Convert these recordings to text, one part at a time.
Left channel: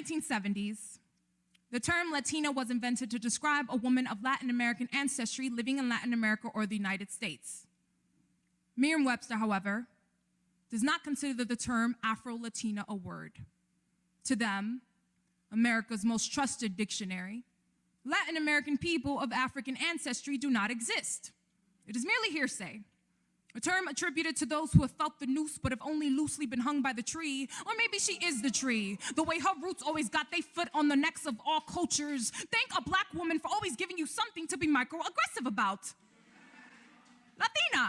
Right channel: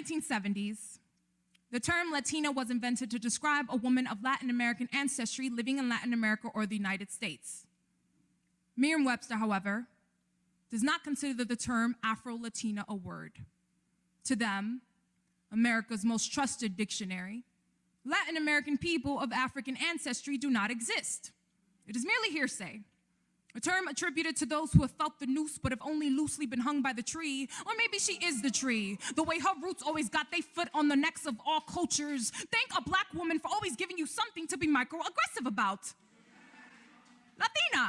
1970s, the term Latina was invented to describe a woman of Latin American ancestry living in Latin America or the United States. Merriam-Webster, however, does not consider the term Afro-Latina a word. To them, America's most trusted dictionary, Latin American people of African ancestry do not exist. It is merely hearsay, a term attributed to those who have felt the noose but have only loosely been hung by the tree, or maybe she is the tree, the way her roots always got their foot on the necks of all cultures. Thank a black woman for always giving you something to be microaggressive about. Latina,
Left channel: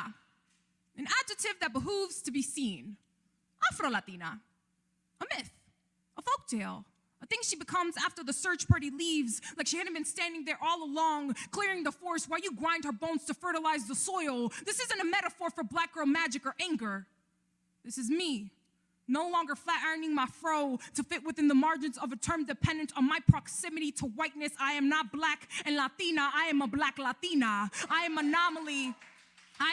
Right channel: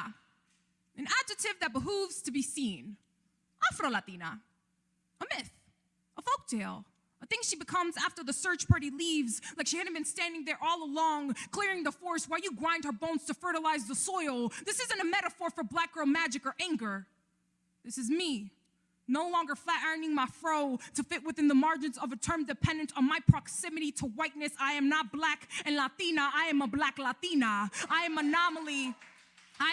an adjective that behooves to be seen. Afro-Latina, a myth, a folktale, a thing she becomes after the search party leaves, like she hadn't been standing there all along, clearing the forest while you grind her bones to fertilize the soil. This isn't a metaphor for black girl magic or anger. This is me, no longer flat ironing my fro to fit within the margins of a term dependent on my proximity to whiteness. I am not black and Latina, I am a black Latina. I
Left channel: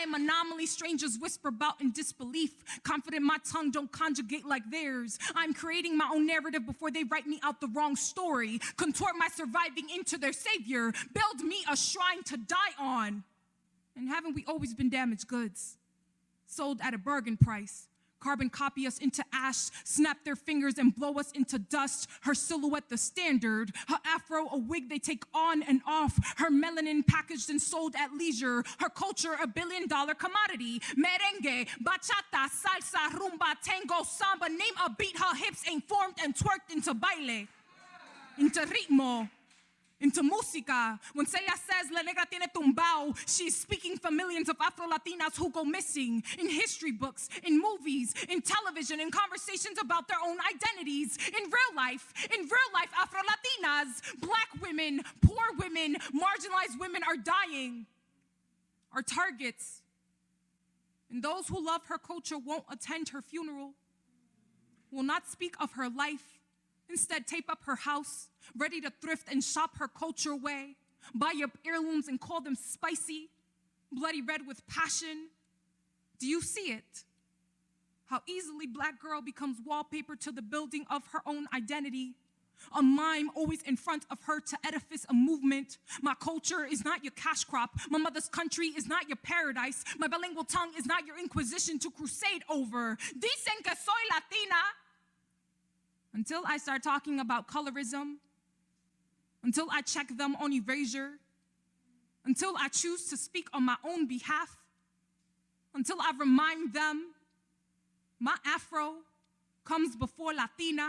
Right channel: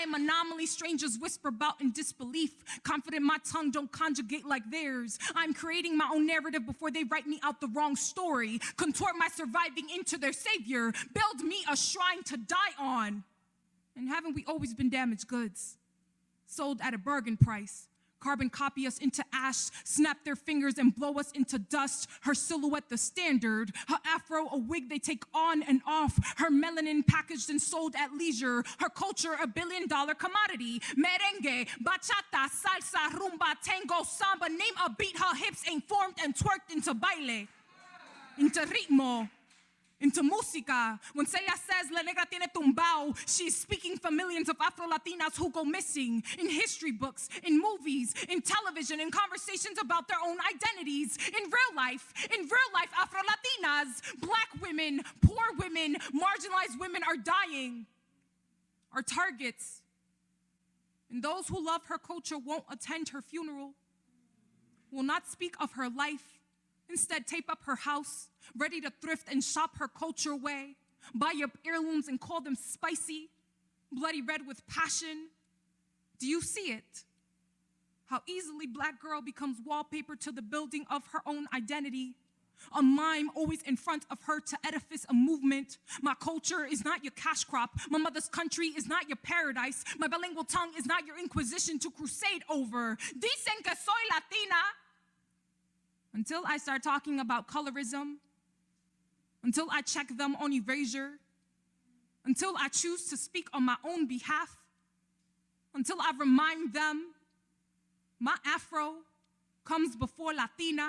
am anomaly, strangers whisper about in disbelief, confident my tongue don't conjugate like theirs. I'm creating my own narrative before they write me out the wrong story, contort my surviving into their savior, build me a shrine to die on. And haven't we always been damaged goods? Sold at a bargain price. Carbon copy us into ash, snap their fingers and blow us into dust. Her silhouette the standard, her afro a wig they take on and off, her melanin packaged and sold at leisure, her culture a $1 billion commodity. Merengue, bachata, salsa, rumba, tango, samba, name a beat her hips ain't formed and twerked into baile, into ritmo, into música. When Celia says La Negra tiene tumbao, she's speaking for millions of Afro-Latinas who go missing in history books, in movies, in television, in conversations about their own identities. In real life, Afro-Latinas, black women, poor women, marginalized women are dying, are targets. And those who love her culture won't attend her funeral, will not speak of her life. Instead, tape up her house, ready to thrift and shop her culture way. Buy your heirlooms and call them spicy, bloody red with passion. Do you see it? How easily black girl becomes wallpaper to the building of her own identity. A mime always in front of her to edifice a movement. My culture is not your cash crop. My mother's country is not your paradise. My bilingual tongue is not your inquisition to crusade over. Dicen que soy Latina. Until I start talking about colorism, until I check them on erasure, until I choose to speak on my own behalf, until I remind them my Afro comes before Latina.